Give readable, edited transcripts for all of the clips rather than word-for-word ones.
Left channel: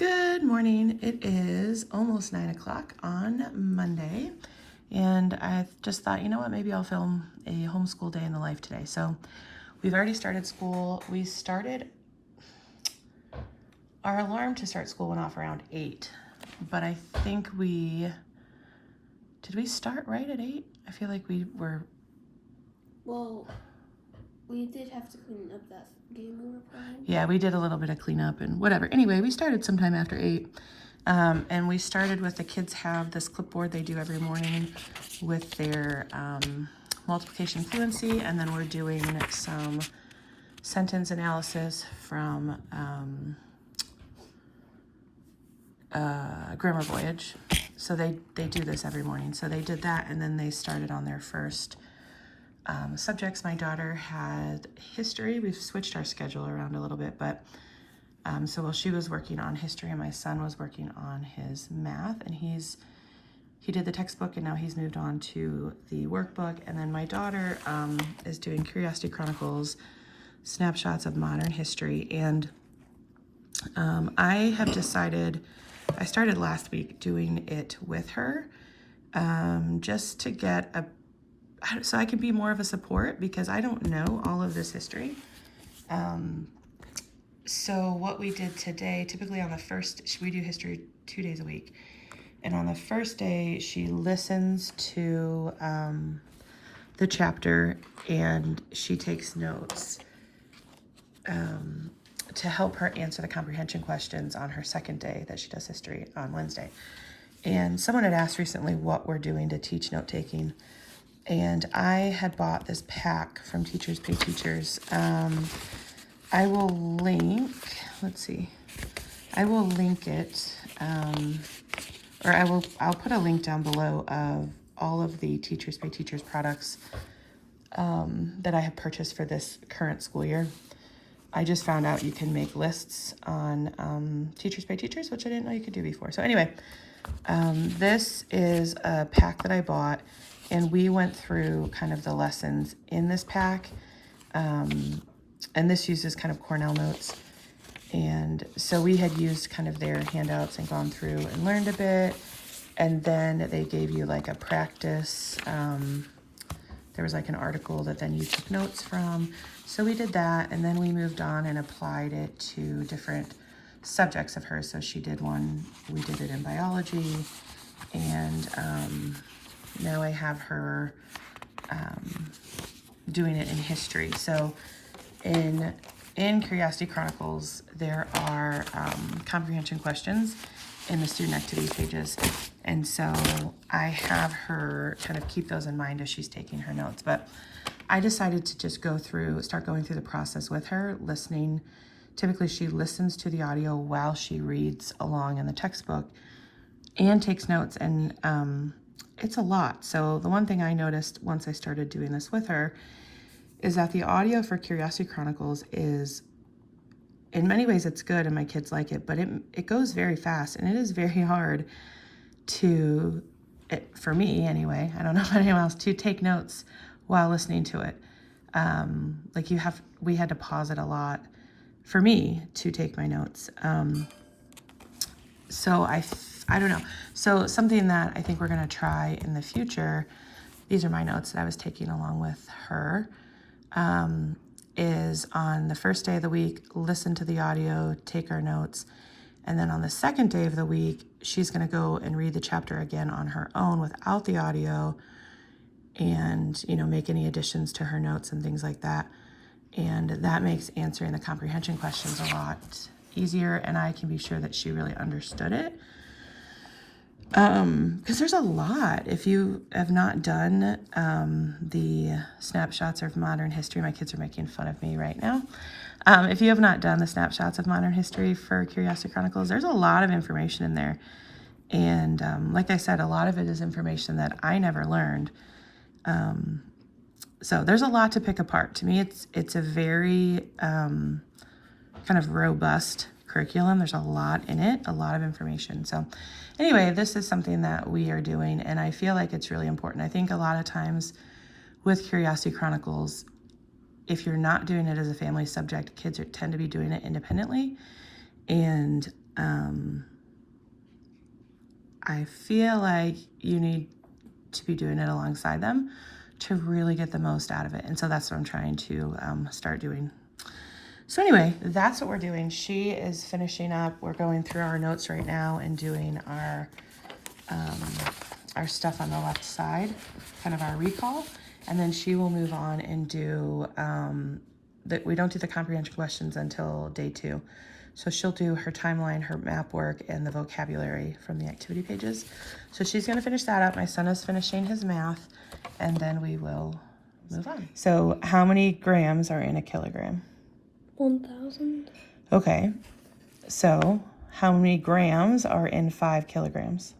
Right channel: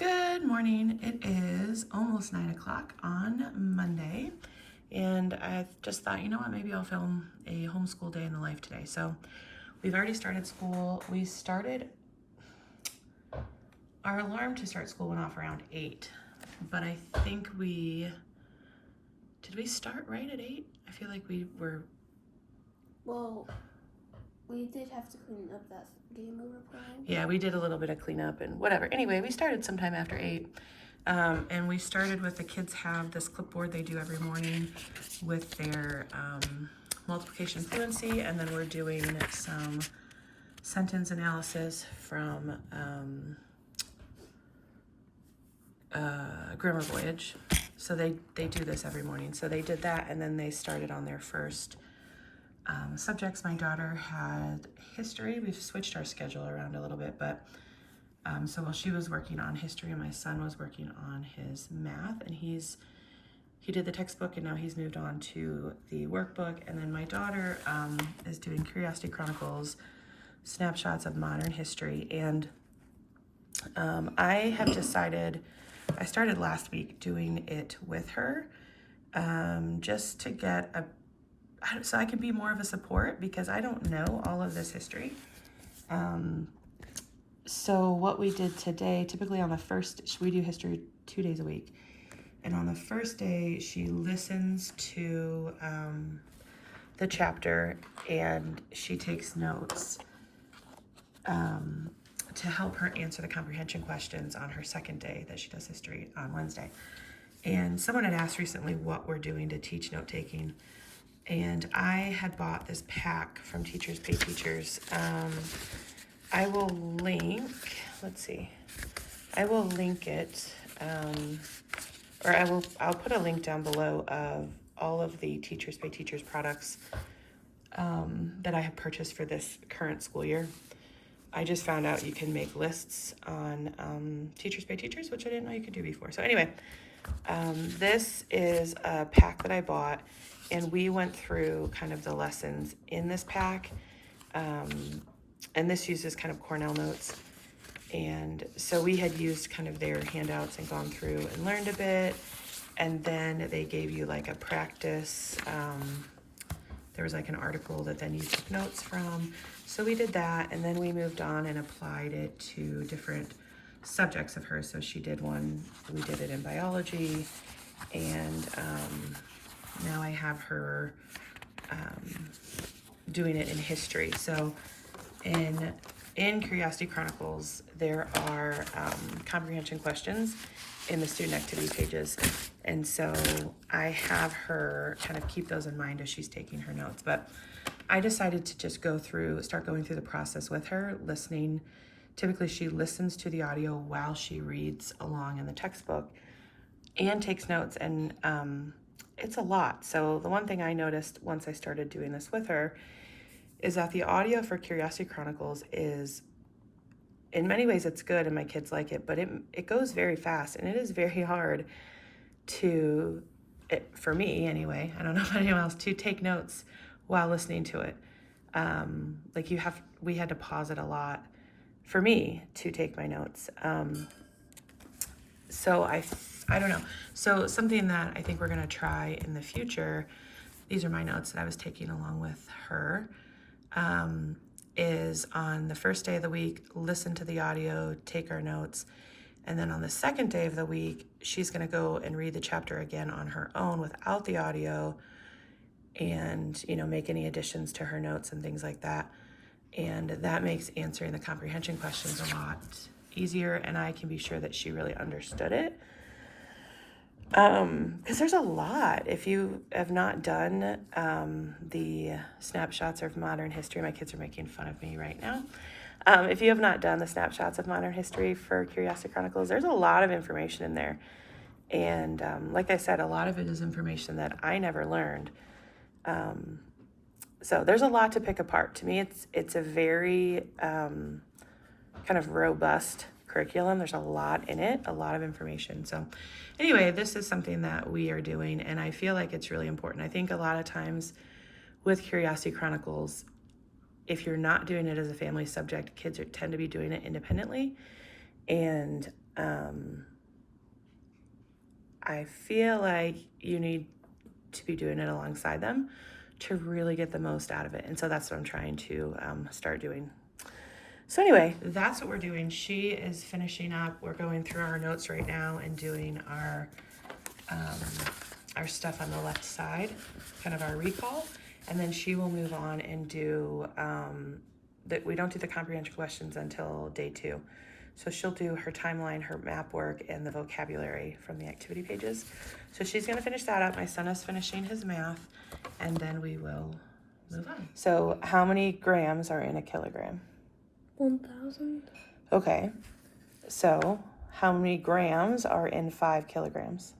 Good morning. It is almost 9 o'clock on Monday, and I just thought, you know what, maybe I'll film a homeschool day in the life today. So we've already started school. We started, our alarm to start school went off around 8, but I think did we start right at 8? I feel like we were. Well, we did have to clean up that game we were playing. Yeah, we did a little bit of cleanup and whatever. Anyway, we started sometime after 8. And we started with the kids have this clipboard they do every morning with their multiplication fluency, and then we're doing some sentence analysis from Grammar Voyage. So they do this every morning. So they did that, and then they started on their first subjects. My daughter had history. We've switched our schedule around a little bit, but so while she was working on history, my son was working on his math, and he did the textbook, and now he's moved on to the workbook. And then my daughter is doing Curiosity Chronicles, snapshots of modern history. And I have decided, I started last week doing it with her, just to get so I can be more of a support, because I don't know all of this history. So what we did today, typically on the first, we do history 2 days a week. And on the first day, she listens to the chapter and she takes notes to help her answer the comprehension questions on her second day that she does history on Wednesday. And someone had asked recently what we're doing to teach note-taking. And I had bought this pack from Teachers Pay Teachers. I will link, let's see, I will link it, or I'll put a link down below of all of the Teachers Pay Teachers products that I have purchased for this current school year. I just found out you can make lists on Teachers Pay Teachers, which I didn't know you could do before. So anyway, this is a pack that I bought, and we went through kind of the lessons in this pack. And this uses kind of Cornell notes. And so we had used kind of their handouts and gone through and learned a bit. And then they gave you like a practice. There was like an article that then you took notes from. So we did that, and then we moved on and applied it to different subjects of hers. So she did one, we did it in biology, and now I have her doing it in history. So in Curiosity Chronicles, there are comprehension questions in the student activity pages. And so I have her kind of keep those in mind as she's taking her notes. But I decided to just start going through the process with her, listening. Typically she listens to the audio while she reads along in the textbook and takes notes. And it's a lot. So the one thing I noticed once I started doing this with her is that the audio for Curiosity Chronicles is, in many ways it's good and my kids like it, but it goes very fast, and it is very hard for me anyway, I don't know about anyone else, to take notes while listening to it. We had to pause it a lot for me to take my notes. So I don't know. So something that I think we're gonna try in the future, these are my notes that I was taking along with her, is on the first day of the week, listen to the audio, take our notes. And then on the second day of the week, she's gonna go and read the chapter again on her own without the audio, and, make any additions to her notes and things like that. And that makes answering the comprehension questions a lot easier, and I can be sure that she really understood it. Because there's a lot. If you have not done the snapshots of modern history, my kids are making fun of me right now. If you have not done the snapshots of modern history for Curiosity Chronicles, there's a lot of information in there. And like I said, a lot of it is information that I never learned. So there's a lot to pick apart. To me, it's a very kind of robust curriculum. There's a lot in it, a lot of information. So anyway, this is something that we are doing, and I feel like it's really important. I think a lot of times with Curiosity Chronicles, if you're not doing it as a family subject, kids tend to be doing it independently. And I feel like you need to be doing it alongside them to really get the most out of it. And so that's what I'm trying to start doing. So anyway, that's what we're doing. She is finishing up. We're going through our notes right now and doing our stuff on the left side, kind of our recall. And then she will move on and do, we don't do the comprehension questions until day 2. So she'll do her timeline, her map work, and the vocabulary from the activity pages. So she's gonna finish that up. My son is finishing his math, and then we will move on. So how many grams are in a kilogram? 1,000. Okay, so how many grams are in 5 kilograms?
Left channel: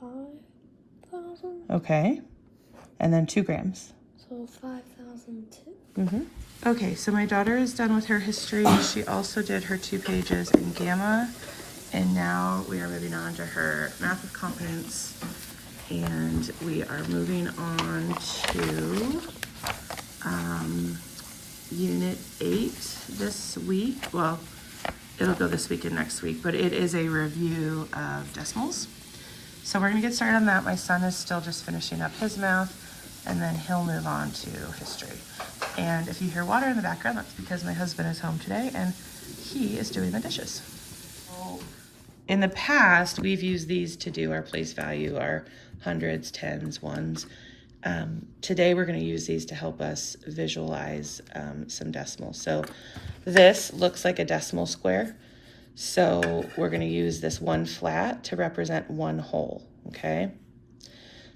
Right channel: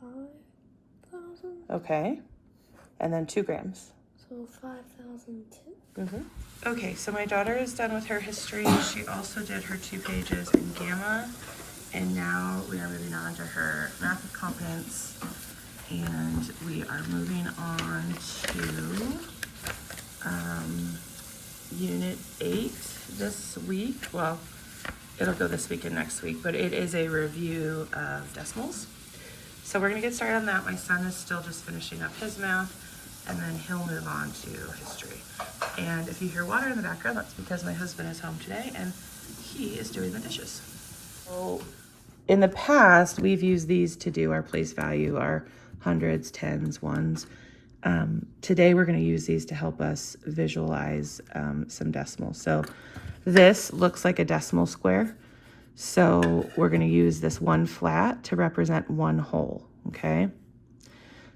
5,000. Okay, and then 2 grams. So 5,002. Okay, so my daughter is done with her history. She also did her 2 pages in Gamma, and now we are moving on to her math of competence, and we are moving on to Unit 8 this week. Well, it'll go this week and next week, but it is a review of decimals. So we're gonna get started on that. My son is still just finishing up his math, and then he'll move on to history. And if you hear water in the background, that's because my husband is home today and he is doing the dishes. So in the past, we've used these to do our place value, our hundreds, tens, ones. Today, we're gonna use these to help us visualize some decimals. So this looks like a decimal square. So we're gonna use this 1 flat to represent 1 whole, okay?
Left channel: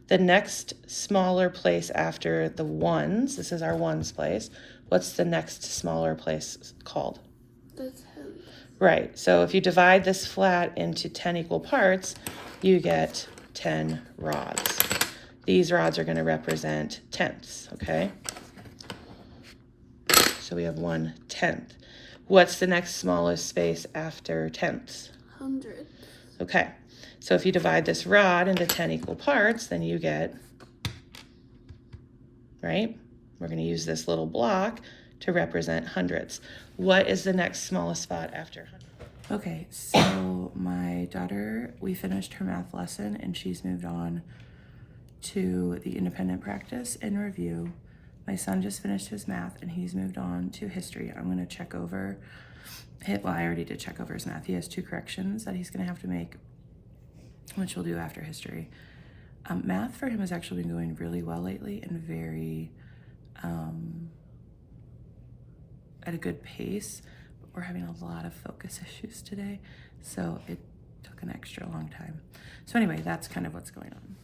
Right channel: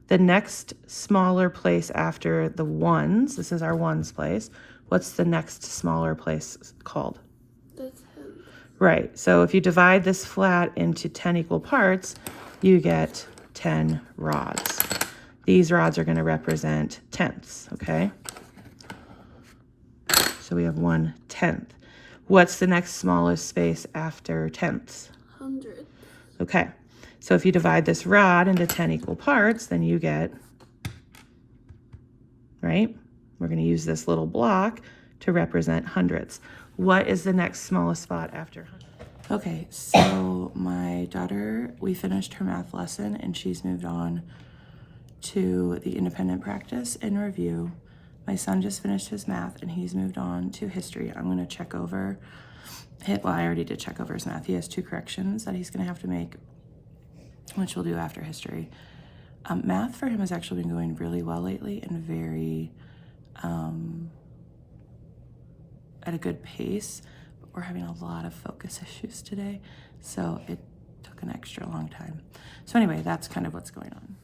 The next smaller place after the ones, this is our ones place. What's the next smaller place called? The 10. Right, so if you divide this flat into 10 equal parts, you get 10 rods. These rods are gonna represent tenths, okay? So we have 1/10. What's the next smallest space after tenths? 100. Okay. So if you divide this rod into 10 equal parts, then you get, right? We're going to use this little block to represent hundredths. What is the next smallest spot after 100? Okay, so my daughter, we finished her math lesson and she's moved on to the independent practice and review. My son just finished his math and he's moved on to history. I'm going to check over, well, I already did check over his math. He has 2 corrections that he's going to have to make, which we'll do after history. Math for him has actually been going really well lately and very at a good pace, but we're having a lot of focus issues today, so it took an extra long time. So anyway, that's kind of what's going on.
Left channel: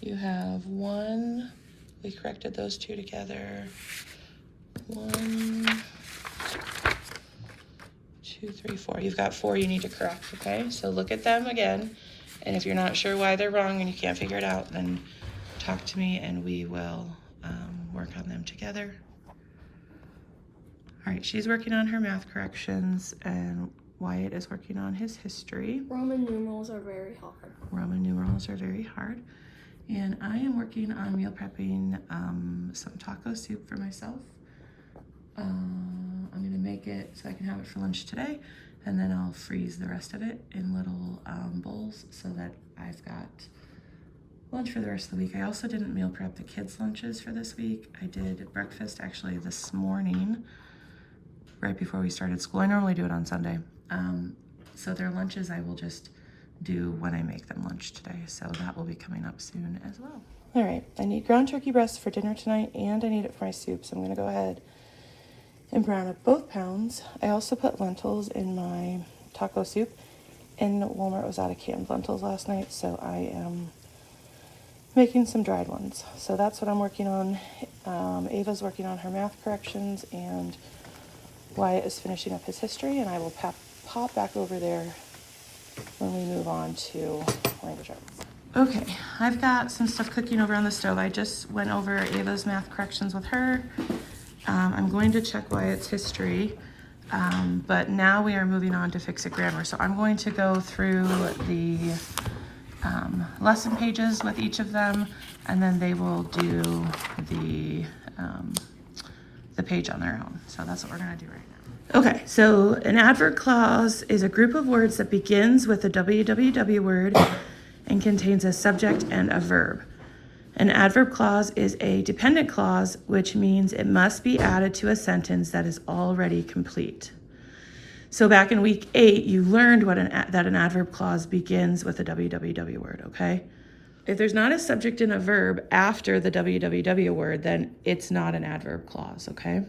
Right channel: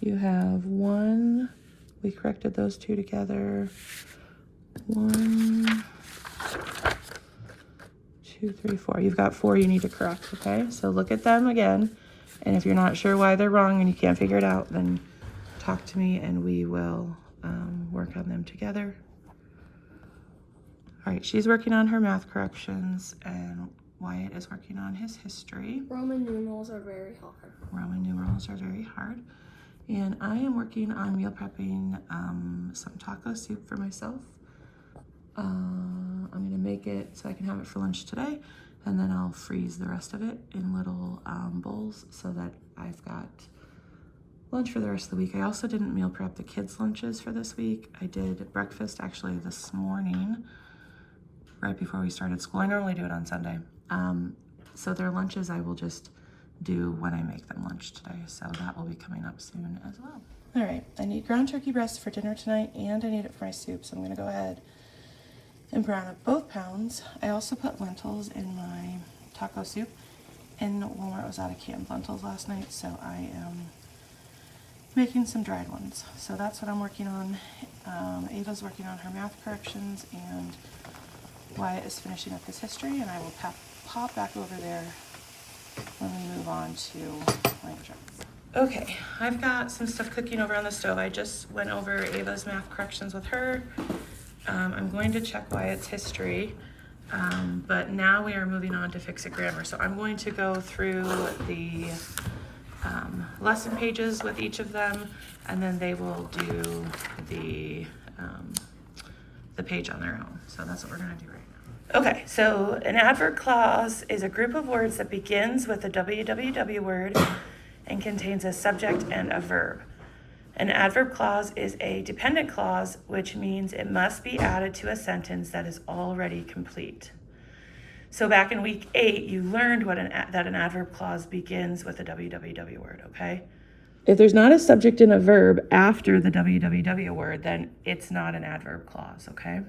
You have 1, we corrected those 2 together. 1, 2, 3, 4. You've got 4 you need to correct, okay? So look at them again, and if you're not sure why they're wrong and you can't figure it out, then talk to me and we will work on them together. All right, she's working on her math corrections and Wyatt is working on his history. Roman numerals are very hard. Roman numerals are very hard. And I am working on meal prepping some taco soup for myself. I'm gonna make it so I can have it for lunch today, and then I'll freeze the rest of it in little bowls so that I've got lunch for the rest of the week. I also didn't meal prep the kids' lunches for this week. I did breakfast actually this morning, right before we started school. I normally do it on Sunday. So their lunches I will just do when I make them lunch today. So that will be coming up soon as well. All right, I need ground turkey breast for dinner tonight and I need it for my soup. So I'm gonna go ahead and brown up both pounds. I also put lentils in my taco soup, and Walmart was out of canned lentils last night, so I am making some dried ones. So that's what I'm working on. Ava's working on her math corrections, and Wyatt is finishing up his history, and I will pop back over there when we move on to language arts. Okay, I've got some stuff cooking over on the stove. I just went over Ava's math corrections with her. I'm going to check Wyatt's history, but now we are moving on to fix-it grammar. So I'm going to go through the lesson pages with each of them, and then they will do the page on their own. So that's what we're gonna do right now. Okay, so an adverb clause is a group of words that begins with a www word and contains a subject and a verb. An adverb clause is a dependent clause, which means it must be added to a sentence that is already complete. So back in week 8, you learned that an adverb clause begins with a www word, okay? If there's not a subject and a verb after the www word, then it's not an adverb clause, okay?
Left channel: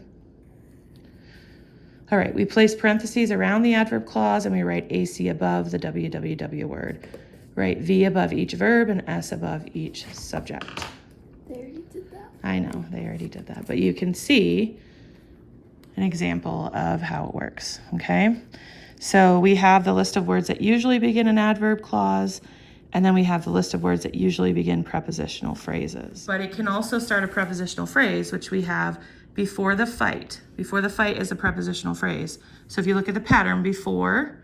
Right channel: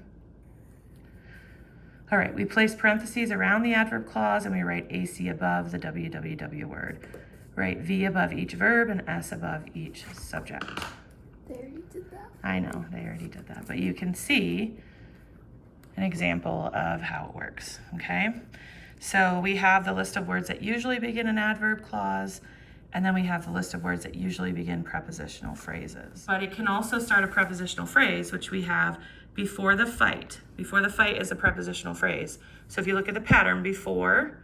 All right, we place parentheses around the adverb clause and we write AC above the www word. Write V above each verb and S above each subject. They already did that. I know, they already did that, but you can see an example of how it works, okay? So we have the list of words that usually begin an adverb clause, and then we have the list of words that usually begin prepositional phrases. But it can also start a prepositional phrase, which we have before the fight. Before the fight is a prepositional phrase. So if you look at the pattern, before,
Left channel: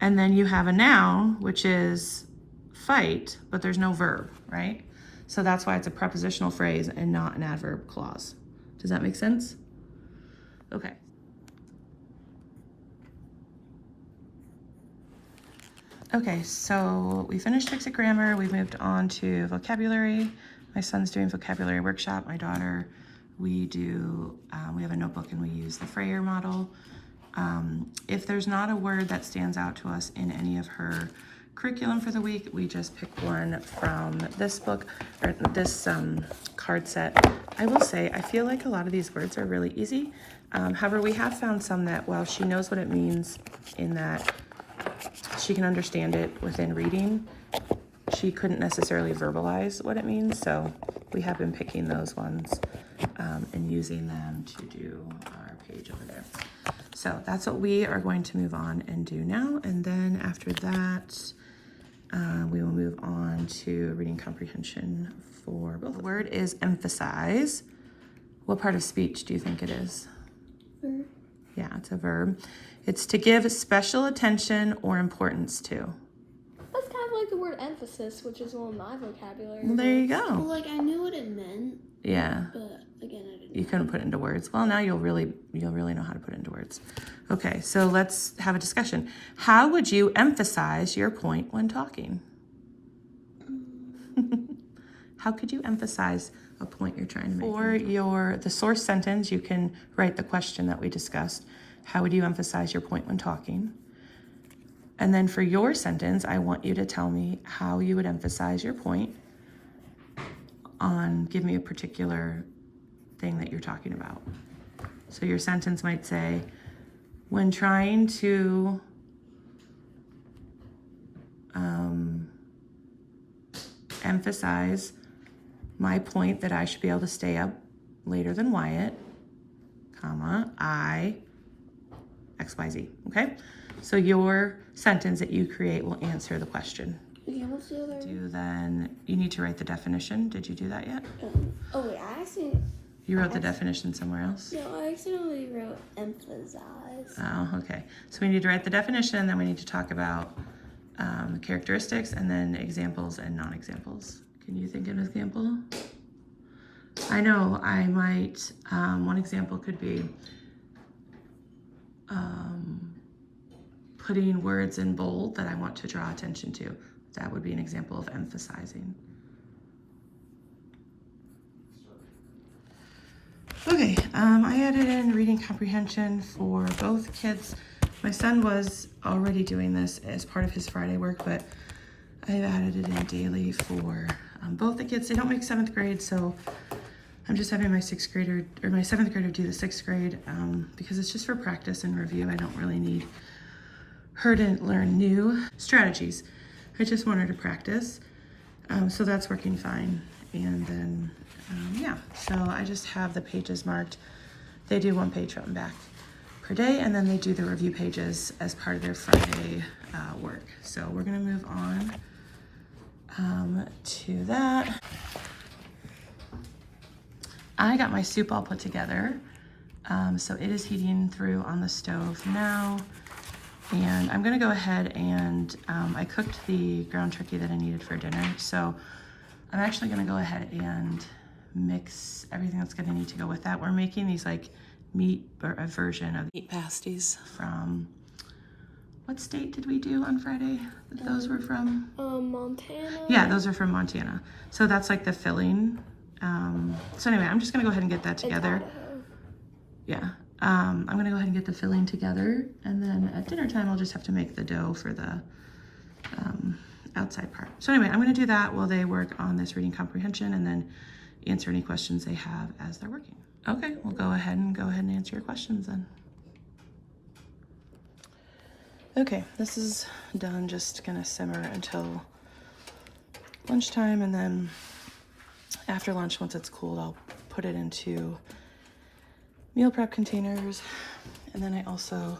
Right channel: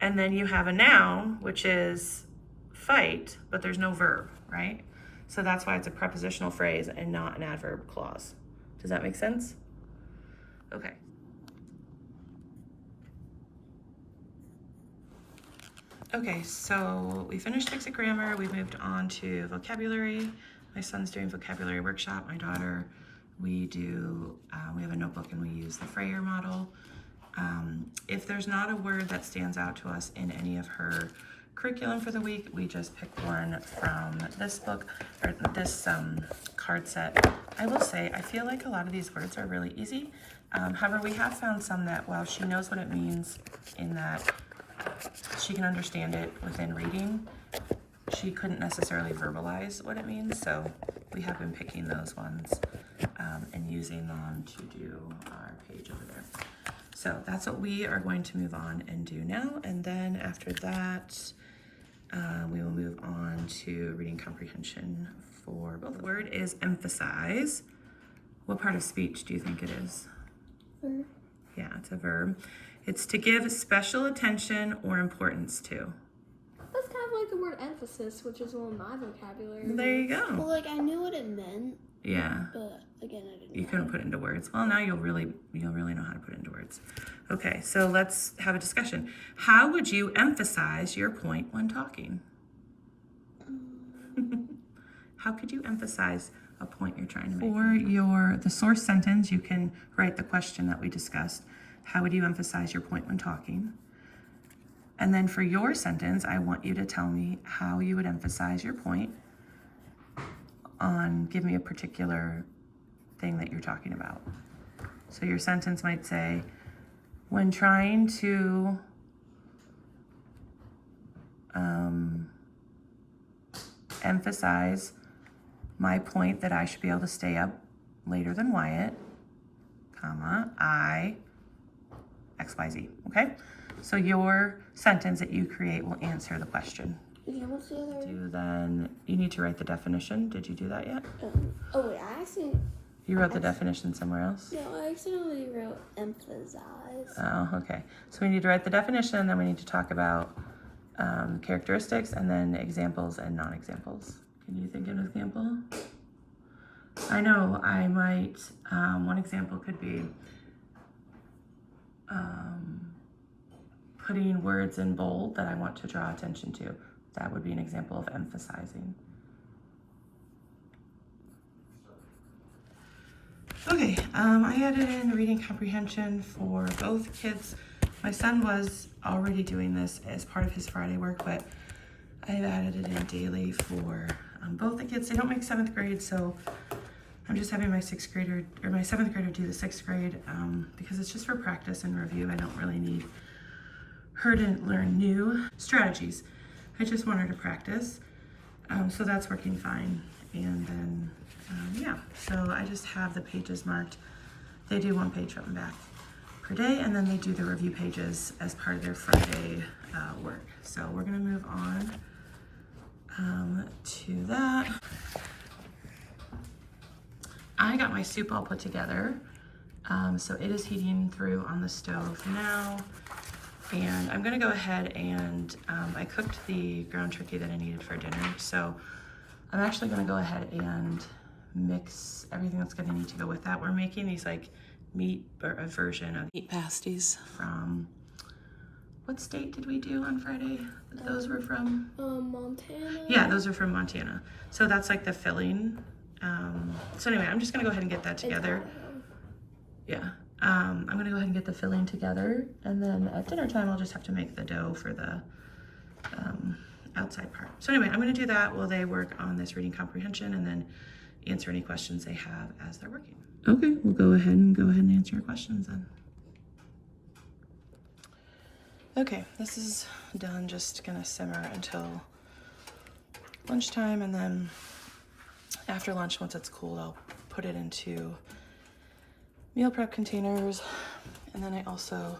and then you have a noun, which is fight, but there's no verb, right? So that's why it's a prepositional phrase and not an adverb clause. Does that make sense? Okay. Okay, so we finished basic grammar. We moved on to vocabulary. My son's doing vocabulary workshop. My daughter, we have a notebook and we use the Freyer model. If there's not a word that stands out to us in any of her curriculum for the week, we just pick one from this book, or this card set. I will say, I feel like a lot of these words are really easy. However, we have found some that while she knows what it means in that she can understand it within reading, she couldn't necessarily verbalize what it means. So we have been picking those ones and using them to do our page over there. So that's what we are going to move on and do now. And then after that, we will move on to reading comprehension for both. The word is emphasize. What part of speech do you think it is? Verb. Yeah, it's a verb. It's to give special attention or importance to. That's kind of like the word emphasis, which is one of my vocabulary. Well, there you Well, go. like I knew what it meant, Yeah, but again, I didn't. you couldn't put it into words. Well, now you'll really know how to put it into words. Okay, so let's have a discussion. How would you emphasize your point when talking? How could you emphasize a point you're trying to make? For the source sentence, you can write the question that we discussed. How would you emphasize your point when talking? And then for your sentence, I want you to tell me how you would emphasize your point give me a particular thing that you're talking about. So your sentence might say, when trying to emphasize my point that I should be able to stay up later than Wyatt, comma, I, XYZ, okay? So your sentence that you create will answer the question. Yeah, what's the other? Then you need to write the definition. Did you do that yet? Oh wait, I actually. You wrote the definition somewhere else? No, I accidentally wrote emphasize. Oh, okay. So we need to write the definition, then we need to talk about characteristics, and then examples and non-examples. Can you think of an example? I know I might, one example could be putting words in bold that I want to draw attention to. That would be an example of emphasizing. Okay, I added in reading comprehension for both kids. My son was already doing this as part of his Friday work, but I've added it in daily for both the kids. They don't make 7th grade, so I'm just having my 7th grader do the 6th grade because it's just for practice and review. I don't really need her to learn new strategies. I just want her to practice. So that's working fine. And then, yeah, so I just have the pages marked. They do 1 page front and back per day, and then they do the review pages as part of their Friday work. So we're gonna move on to that. I got my soup all put together. So it is heating through on the stove now. And I'm gonna go ahead and I cooked the ground turkey that I needed for dinner. So I'm actually gonna go ahead and mix everything that's gonna need to go with that. We're making these like meat, or a version of meat pasties from, what state did we do on Friday? Those were from? Montana. Yeah, those are from Montana. So that's like the filling. So anyway, I'm just gonna go ahead and get that together. Yeah, I'm gonna go ahead and get the filling together, and then at dinner time, I'll just have to make the dough for the outside part. So anyway, I'm gonna do that while they work on this reading comprehension, and then answer any questions they have as they're working. Okay, we'll go ahead and answer your questions then. Okay, this is done. Just gonna simmer until lunchtime, and then after lunch, once it's cooled, I'll put it into meal prep containers. And then I also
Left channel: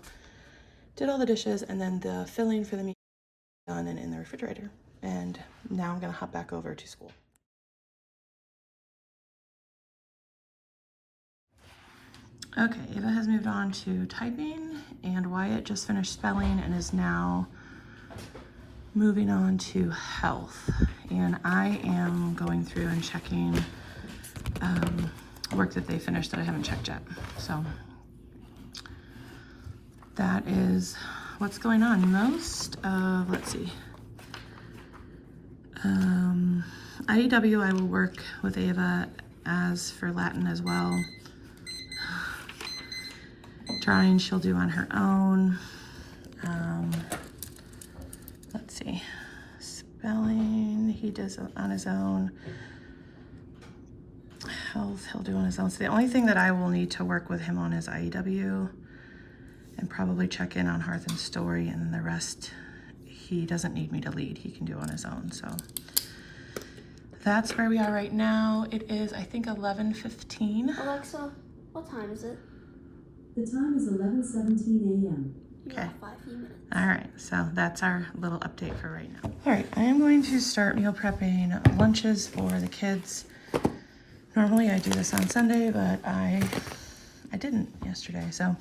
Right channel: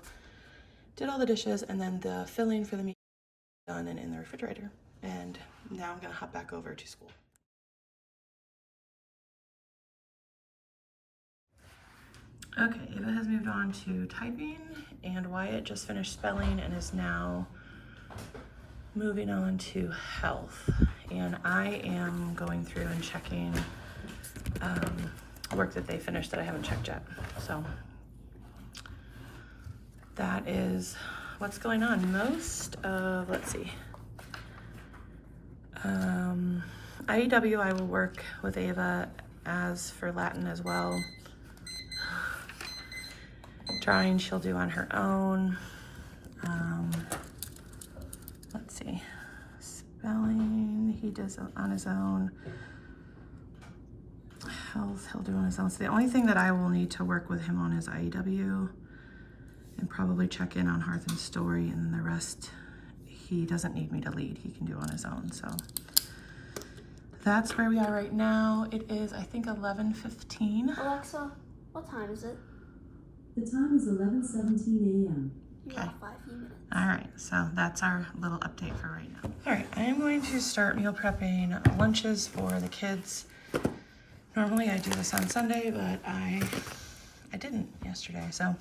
did all the dishes, and then the filling for the meat done and in the refrigerator. And now I'm gonna hop back over to school. Okay, Ava has moved on to typing, and Wyatt just finished spelling and is now moving on to health. And I am going through and checking work that they finished that I haven't checked yet. So that is what's going on. Most of, let's see, IEW I will work with Ava, as for Latin as well. Drawing she'll do on her own. Let's see, spelling he does on his own. Health he'll do on his own. So the only thing that I will need to work with him on is IEW, and probably check in on Hearth and Story, and then the rest he doesn't need me to lead. He can do on his own. So that's where we are right now. It is, I think, 11:15. Alexa, what time is it? The time is 11:17 a.m. Okay. 5 minutes. All right, so that's our little update for right now. All right, I am going to start meal prepping lunches for the kids. Normally I do this on Sunday, but I didn't yesterday. So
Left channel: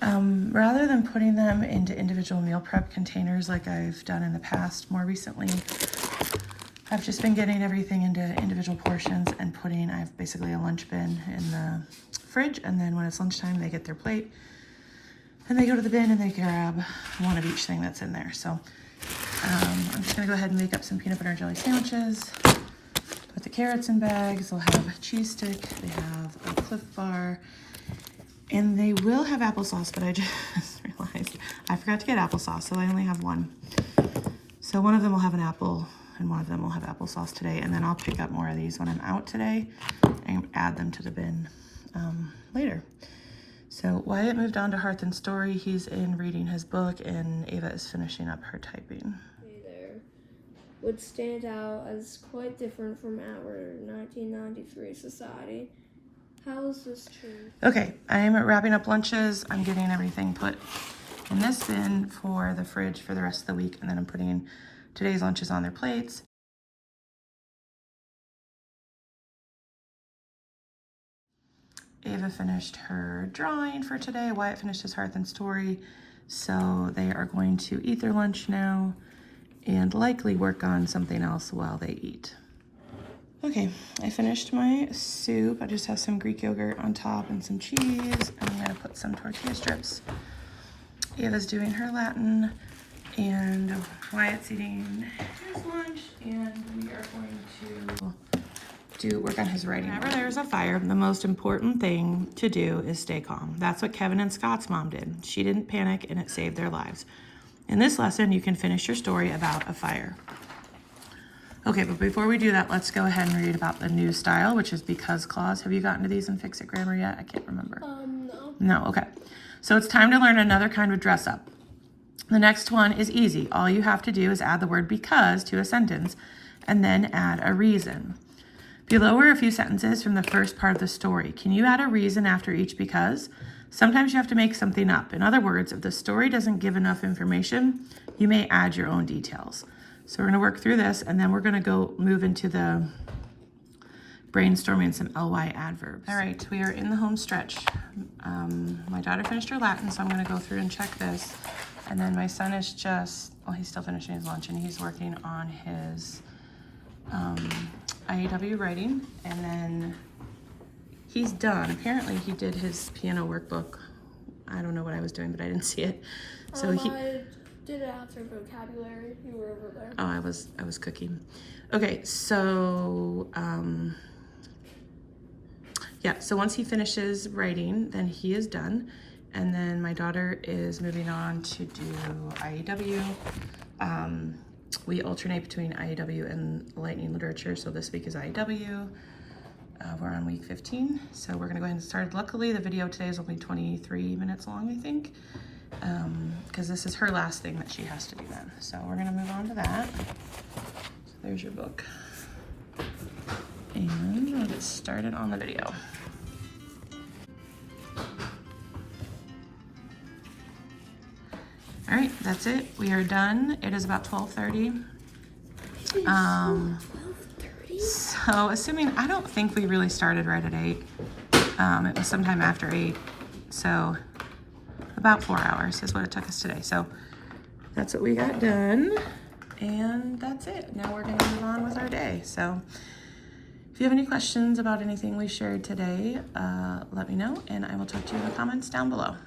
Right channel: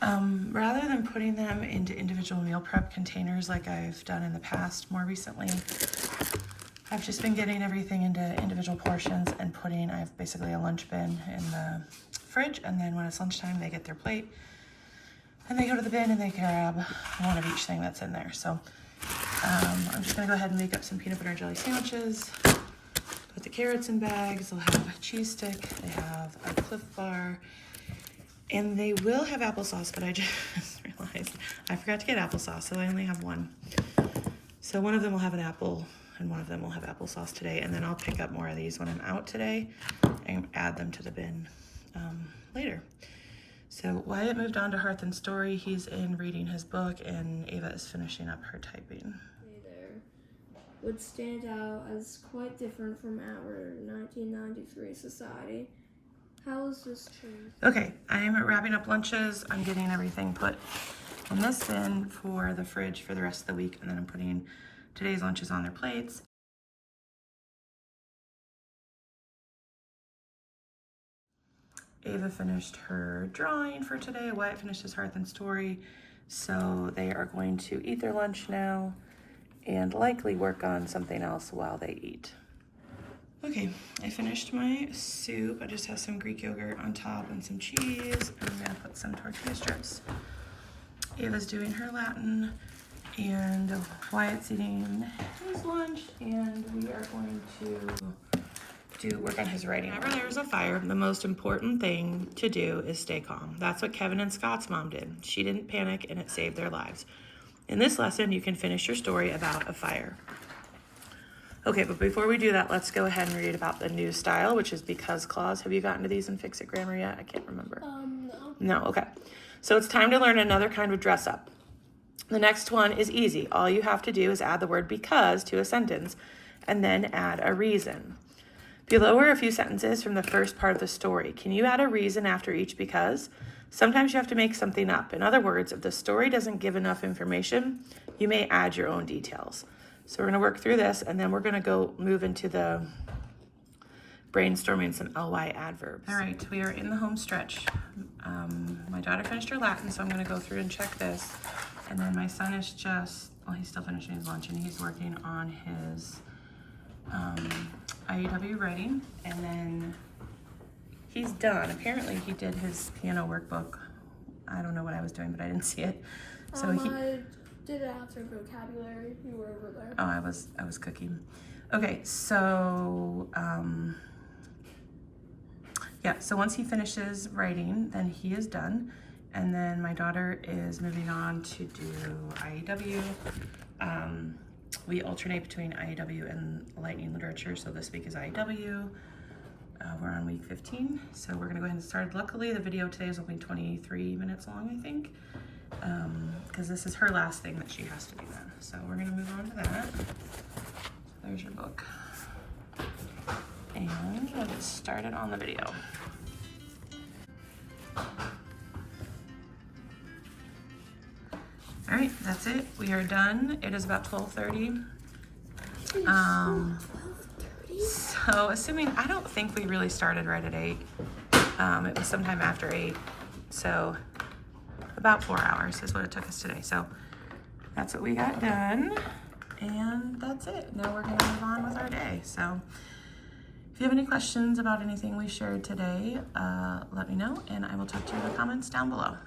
rather than putting them into individual meal prep containers like I've done in the past, more recently, I've just been getting everything into individual portions and putting, I have basically a lunch bin in the fridge, and then when it's lunchtime, they get their plate and they go to the bin and they grab one of each thing that's in there. So I'm just gonna go ahead and make up some peanut butter and jelly sandwiches. Put the carrots in bags. They'll have a cheese stick, they have a Cliff Bar, and they will have applesauce, but I just realized I forgot to get applesauce, so they only have one. So one of them will have an apple and one of them will have applesauce today, and then I'll pick up more of these when I'm out today and add them to the bin later. So Wyatt moved on to Hearth and Story. He's in reading his book, and Ava is finishing up her typing. Hey there. Would stand out as quite different from our 1993 society. How is this true? Okay, I'm wrapping up lunches. I'm getting everything put in this bin for the fridge for the rest of the week, and then I'm putting today's lunches on their plates. Ava finished her drawing for today. Wyatt finished his Hearth and Story. So they are going to eat their lunch now and likely work on something else while they eat. Okay, I finished my soup. I just have some Greek yogurt on top and some cheese. And I'm gonna put some tortilla strips. Ava's doing her Latin, and Wyatt's eating his lunch, and we are going to work on his writing. Whenever there's a fire, the most important thing to do is stay calm. That's what Kevin and Scott's mom did. She didn't panic, and it saved their lives. In this lesson, you can finish your story about a fire. Okay, but before we do that, let's go ahead and read about the new style, which is because clause. Have you gotten to these in Fix It Grammar yet? I can't remember. No. No, okay. So it's time to learn another kind of dress up. The next one is easy. All you have to do is add the word because to a sentence and then add a reason. Below are a few sentences from the first part of the story. Can you add a reason after each because? Sometimes you have to make something up. In other words, if the story doesn't give enough information, you may add your own details. So we're going to work through this, and then we're going to go move into the brainstorming some ly adverbs. All right, we are in the home stretch. My daughter finished her Latin, so I'm going to go through and check this. And then my son is he's still finishing his lunch and he's working on his IEW writing. And then he's done. Apparently he did his piano workbook. I don't know what I was doing, but I didn't see it. So I did it after vocabulary. You were over there. Oh, I was cooking. Okay, so yeah, so once he finishes writing, then he is done. And then my daughter is moving on to do IEW. We alternate between IEW and Lightning Literature. So this week is IEW. We're on week 15. So we're gonna go ahead and start. Luckily, the video today is only 23 minutes long, I think. Because this is her last thing that she has to do then. So we're gonna move on to that. So there's your book. And we'll get started on the video. All right, that's it. We are done. It is about 12:30. 12:30? So assuming, I don't think we really started right at 8. It was sometime after 8. So about 4 hours is what it took us today. So that's what we got done. And that's it. Now we're gonna move on with our day. So if you have any questions about anything we shared today, let me know and I will talk to you in the comments down below.